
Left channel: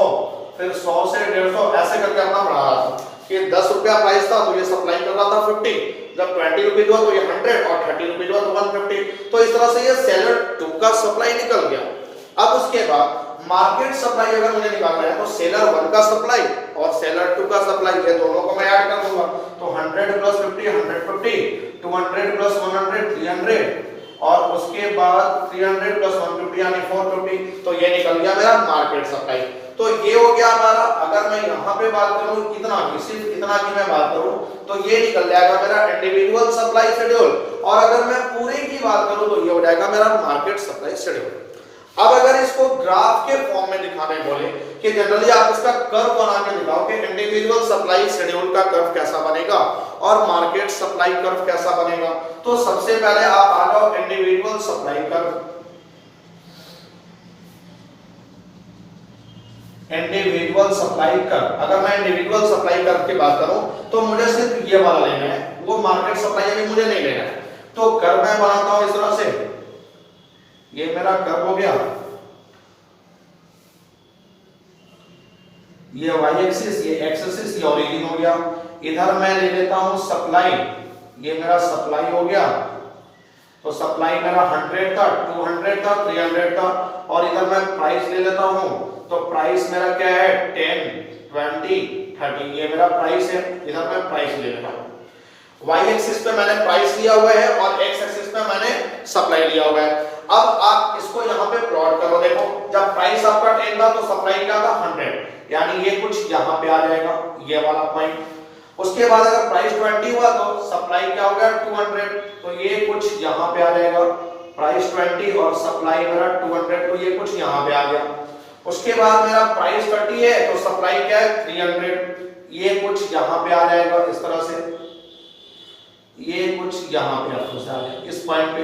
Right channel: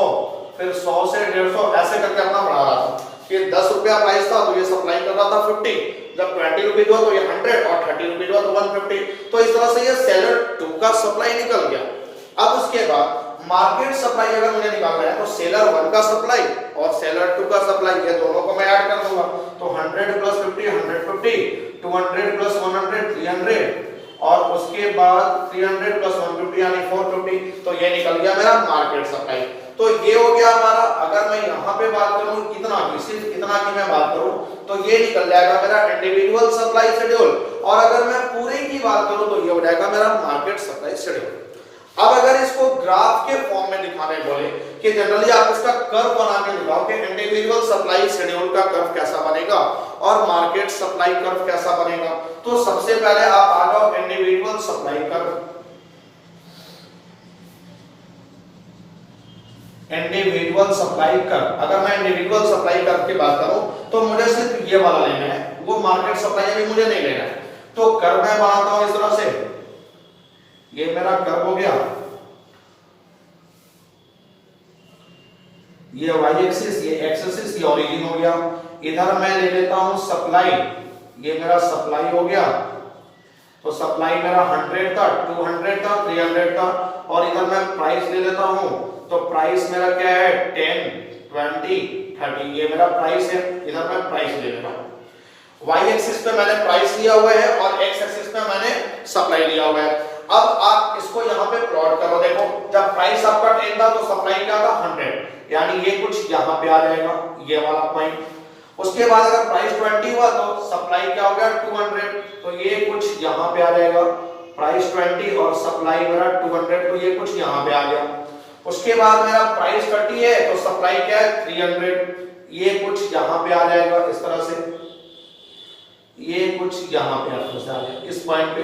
फिर 100 से 150 ऐसे करके अपना बढ़ा रहा था कि 10 रुपया प्राइस था तो ये सप्लाई कर रहा था 50, जब 20 रुपीज हुआ तो ये 100 और 30 रुपीज हुआ तो 150। तो इस तरह से ये सेलर 2 का सप्लाई निकल गया। अब उसके बाद मार्केट सप्लाई अगर मुझे निकालना है तो सेलर 1 का सप्लाई और सेलर 2 का सप्लाई ये दोनों को मैं ऐड कर दूंगा। तो 100 प्लस 50 150, 200 प्लस 100 300 और उसके बाद 300 प्लस 150 यानी 450। तो ये निकल गया मेरा मार्केट सप्लाई। तो ये हो गया हमारा। अगर मैं यहाँ पे बात करूँ कितना की, सिर्फ कितना की मैं बात करूँ तो ये निकल जाएगा मेरा इंडिविजुअल सप्लाई शेड्यूल। और अगर मैं पूरे की बात करूँ तो ये हो जाएगा मेरा मार्केट सप्लाई शेड्यूल। अब अगर इसको ग्राफ के फॉर्म में दिखाने बोले कि जनरली आप इसका कर्व बना के दिखाओ कि इंडिविजुअल सप्लाई शेड्यूल का कर्व कैसा बनेगा और मार्केट सप्लाई कर्व कैसा बनेगा, तो सबसे पहले आप आ जाओ individual supply curve. Individual supply curve, अगर मैं इंडिविजुअल सप्लाई कर्व की बात करूं तो मुझे सिर्फ ये वाला लेना है, वो मार्केट सप्लाई भी मुझे नहीं लेना है। तो कर्व मैं बनाता हूं इस तरह से, ये मेरा कर्व हो गया, ये वाई एक्सिस, ये एक्स एक्सिस, ये ओरिजिन हो गया। इधर मैं ले लेता हूं सप्लाई, ये मेरा सप्लाई हो गया। तो सप्लाई मेरा 100 था, 200 था, 300 था, और इधर मैं प्राइस ले लेता हूं। तो प्राइस मेरा क्या है 10, 20, 30, ये मेरा प्राइस है। इधर मैं प्राइस ले लेता हूं। वाई एक्सिस पे मैंने प्राइस लिया हुआ है और एक्स एक्सिस पे मैंने सप्लाई लिया हुआ है। अब आप इसको यहाँ पे प्लॉट करो। देखो जब प्राइस आपका 10 था तो सप्लाई क्या था 100, यानी ये कुछ यहाँ पे आ जाएगा, ये वाला पॉइंट। उसके बाद अगर प्राइस 20 हुआ तो सप्लाई क्या हो गया 200, तो ये कुछ यहाँ पे आ जाएगा। प्राइस 20 और सप्लाई मेरा 200, तो ये कुछ यहाँ पे आ गया। उसके बाद मेरा प्राइस 30 है तो सप्लाई क्या है 300, ये कुछ यहाँ पे आ जाएगा इस तरह से, ये कुछ यहाँ पे आ जाएगा इस पॉइंट पे।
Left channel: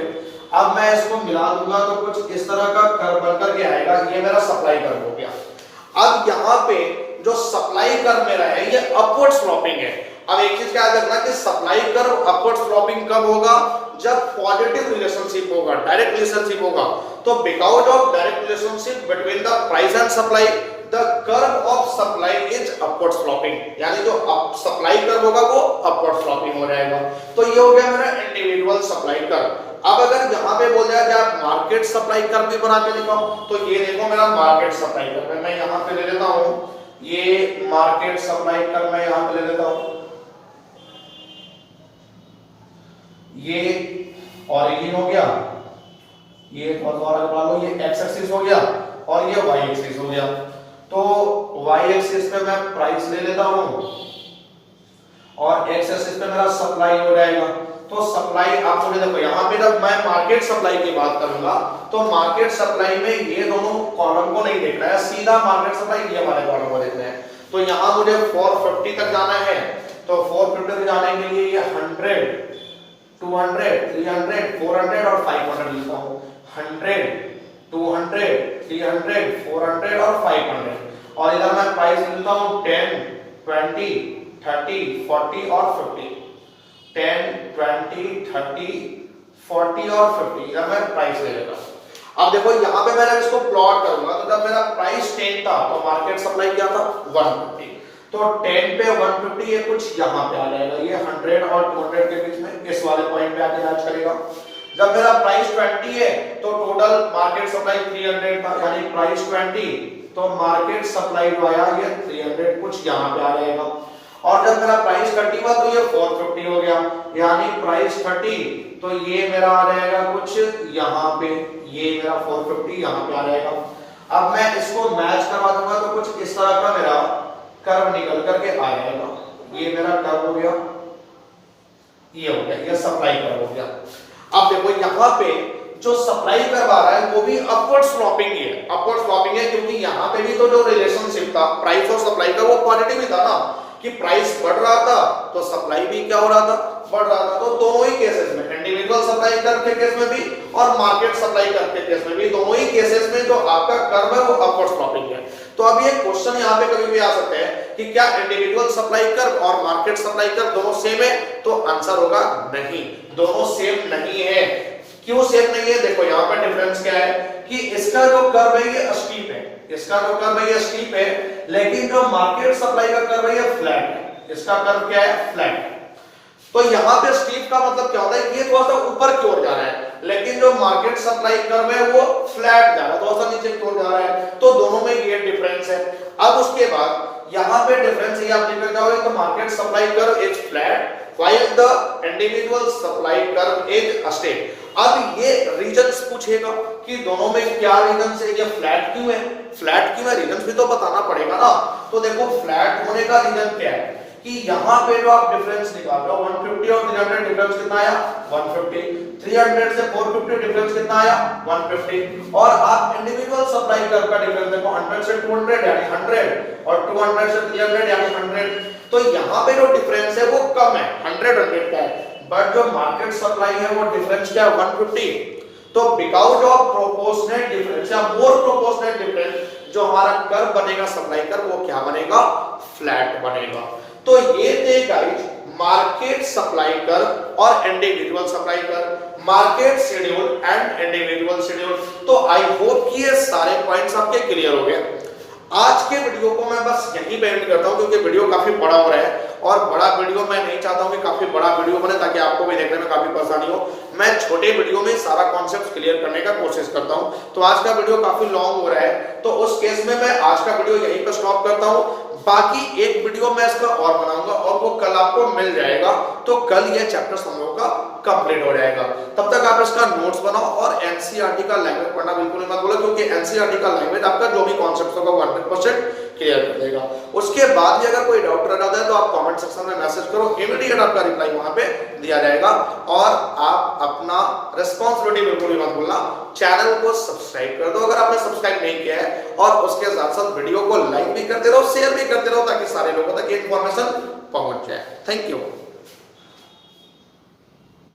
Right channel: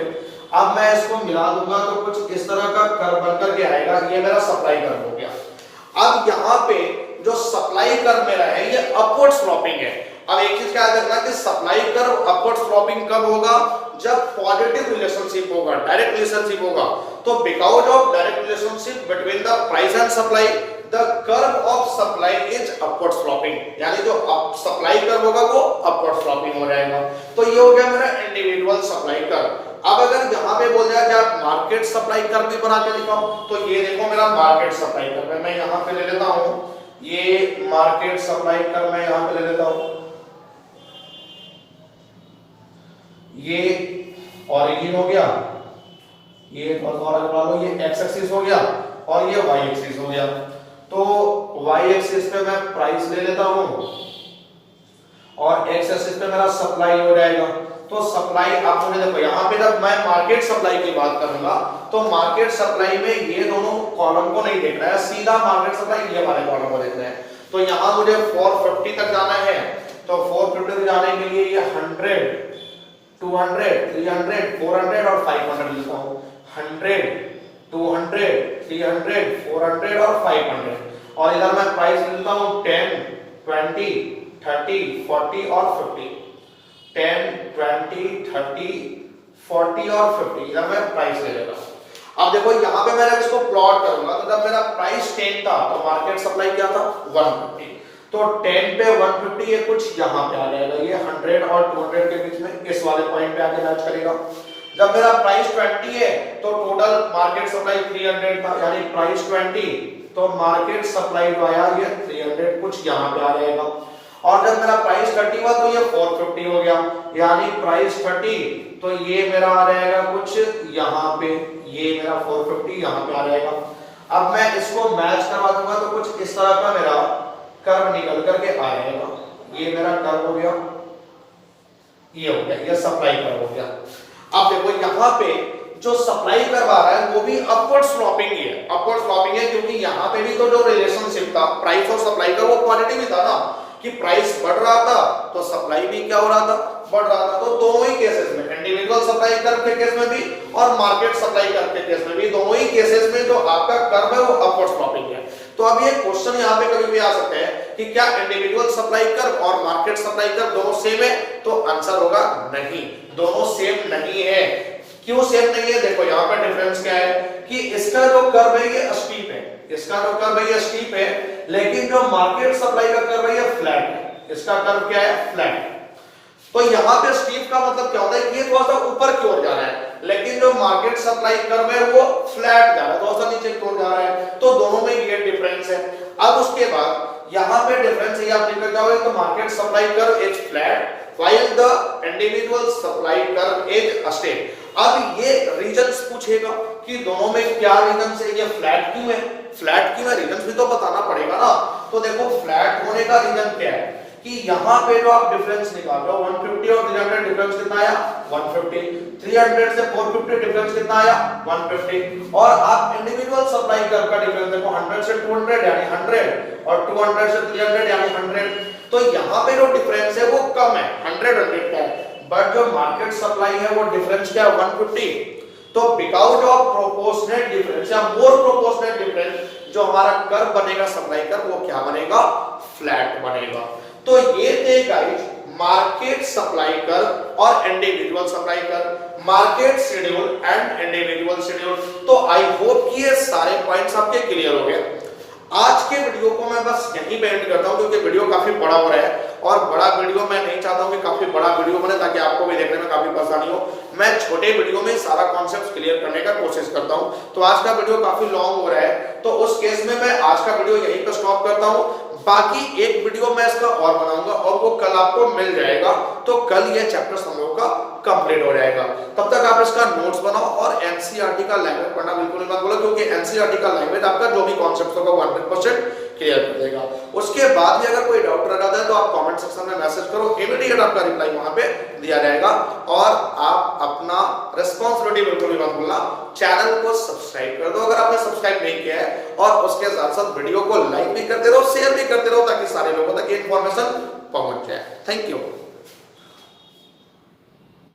अब मैं इसको मिला दूंगा तो कुछ इस तरह का कर्व बनकर के आएगा। ये मेरा सप्लाई कर्व हो गया। अब यहाँ पे जो सप्लाई कर्व मेरा है ये अपवर्ड स्लोपिंग है। अब एक चीज याद रखना कि सप्लाई कर्व अपवर्ड स्लोपिंग कब होगा, जब पॉजिटिव रिलेशनशिप होगा, डायरेक्ट रिलेशनशिप होगा। तो because of direct relationship between the price and supply the curve of supply is upward sloping, यानी जो सप्लाई कर्व होगा वो अपवर्ड स्लोपिंग हो जाएगा। तो ये हो गया मेरा इंडिविजुअल सप्लाई कर्व। अब अगर यहाँ पे बोल दिया कि आप मार्केट सप्लाई कर्व भी बना के दिखाओ, तो ये देखो मेरा मार्केट सप्लाई कर्व है। मैं यहाँ पे ले लेता हूँ ये मार्केट सप्लाई कर्व, मैं यहाँ पे ले लेता हूँ ये ओरिजिन हो गया, ये और लगा लो, ये एक्स एक्सिस हो गया और ये वाई एक्सिस हो गया। तो वाई एक्सिस पे मैं प्राइस ले लेता हूं और एक्स एक्सिस पे मेरा सप्लाई हो जाएगा। तो सप्लाई आप मुझे देखो, यहां पे जब मैं मार्केट सप्लाई की बात करूंगा तो मार्केट सप्लाई में ये दोनों कॉलम को नहीं देखना है, सीधा मार्केट सप्लाई ये वाले कॉलम को देखना है। तो यहां मुझे 450 तक जाना है, तो 450 तक जाने के लिए ये 100, 200, 300, 400 और 500 लिखता हूं। 100, 200, 300, 400 और 500। और इधर मैं प्राइस लिखता हूं 10, 20, 30, 40 और 50। 10, 20, 30, 40 और 50, इधर मैं प्राइस ले लेगा। अब देखो यहाँ पे मैं इसको प्लॉट करूंगा, तो जब मेरा प्राइस 10 था तो मार्केट सप्लाई क्या था 150। तो 10 पे 150 ये कुछ यहाँ पे आ जाएगा, ये 100 और 200 के बीच में इस वाले पॉइंट पे आके मैच करेगा। जब मेरा प्राइस 20 है तो टोटल मार्केट सप्लाई 300 था, यानी प्राइस 20 तो मार्केट सप्लाई आया ये 300 कुछ यहाँ पे आ जाएगा। और जब मेरा प्राइस 30 हुआ तो ये 450 हो गया, यानी प्राइस 30 तो ये मेरा आ जाएगा कुछ यहाँ पे, ये मेरा 450 यहाँ पे आ जाएगा। अब मैं इसको मैच करवा दूंगा तो कुछ इस तरह का मेरा कर्व निकल करके आ जाएगा। ये मेरा कर्व हो गया, ये हो गया, ये सप्लाई कर्व हो गया। अब देखो यहाँ पे जो सप्लाई करवा रहा है वो भी अपवर्ड स्लॉपिंग ही है, अपवर्ड स्लॉपिंग है, क्योंकि यहाँ पे भी तो जो रिलेशनशिप था प्राइस और सप्लाई का वो पॉजिटिव ही था ना, कि प्राइस बढ़ रहा था तो सप्लाई भी क्या हो रहा था, बढ़ रहा था। तो दोनों ही केसेस में, इंडिविजुअल सप्लाई कर्व के केस में भी और मार्केट सप्लाई कर्व के केस में भी, दोनों ही केसेस में जो आपका कर्व है वो अपवर्ड स्लॉपिंग है। तो अब ये क्वेश्चन यहाँ पे कभी भी आ सकते हैं कि क्या इंडिविजुअल सप्लाई कर्व और मार्केट सप्लाई कर्व दोनों सेम है, तो आंसर होगा नहीं, दोनों सेम नहीं है। क्यों सेम नहीं है, देखो यहाँ पे डिफरेंस क्या है कि इसका जो कर्व है ये स्टीप है, इसका जो कर्व है ये स्टीप है, लेकिन जो मार्केट सप्लाई का कर्व है ये फ्लैट है, इसका कर्व क्या है फ्लैट। तो यहाँ पे स्टीप का मतलब क्या होता है, ये थोड़ा सा ऊपर की ओर जा रहा है, लेकिन जो मार्केट सप्लाई कर्व है वो फ्लैट जा रहा है, थोड़ा सा नीचे की ओर जा रहा है। तो दोनों में ये डिफरेंस है। अब उसके बाद यहाँ पे डिफरेंस ये आप लिख जाओगे, तो market supply curve is flat while the individual supply curve is straight। अब ये रीजंस पूछेगा कि दोनों में क्या रीजंस है, ये फ्लैट क्यों है, फ्लैट क्यों है, रीजंस भी तो बताना पड़ेगा ना। तो देखो फ्लैट होने का रीजन क्या है कि यहाँ पे जो आप डिफरेंस निकाल रहे हो 150 और 300 डिफरेंस कितना आया 150, 300 से 450 डिफरेंस कितना आया 150, और आप इंडिविजुअल सप्लाई कर्व का डिफरेंस देखो 100 से 200 यानी 100 और 200 से 300 यानी 100। तो यहाँ पे जो डिफरेंस है वो कम है, 100 का है, बट जो मार्केट सप्लाई है वो डिफरेंस क्या है 150। तो बिकॉज ऑफ प्रोपोर्शनेट डिफरेंस या मोर प्रोपोर्शनेट डिफरेंस जो हमारा कर्व बनेगा सप्लाई कर्व वो क्या बनेगा फ्लैट बनेगा। तो ये थे गाइस मार्केट सप्लाई कर्व और individual supply curve, market schedule and individual schedule. तो आई होप कि ये सारे पॉइंट्स आपके क्लियर हो गए। आज के वीडियो को मैं बस यहीं पे एंड करता हूं, क्योंकि वीडियो काफी बड़ा हो रहा है और बड़ा वीडियो मैं नहीं चाहता हूं कि काफी बड़ा वीडियो बने ताकि आपको भी देखने में काफी परेशानी हो। मैं छोटे वीडियो में सारा कॉन्सेप्ट क्लियर करने का कोशिश करता हूं। तो आज का वीडियो काफी लॉन्ग हो रहा है, तो उस केस में मैं आज का वीडियो यहीं पर स्टॉप करता हूं। बाकी एक वीडियो मैं इसका और बनाऊंगा और वो कल आपको मिल जाएगा, तो कल ये चैप्टर समूह का कंप्लीट हो जाएगा। तब तक आप इसका नोट्स बनाओ और एनसीईआरटी का लैंग्वेज पढ़ना बिल्कुल मत भूलो, क्योंकि एनसीईआरटी का लैंग्वेज आपका जो भी कॉन्सेप्ट होगा वो 100% क्लियर कर देगा। उसके बाद भी अगर कोई डाउट रह जाता है तो आप कमेंट सेक्शन में मैसेज करो, इमीडिएट आपका रिप्लाई वहां पे दिया जाएगा। और आप अपना रिस्पॉन्सिबिलिटी बिल्कुल भी मत भूलना, चैनल को सब्सक्राइब कर दो अगर आपने सब्सक्राइब नहीं किया है, और उसके साथ साथ वीडियो को लाइक भी करते रहो, शेयर भी करते रहो, ताकि सारे लोगों तक ये इंफॉर्मेशन पहुंच जाए। Thank you.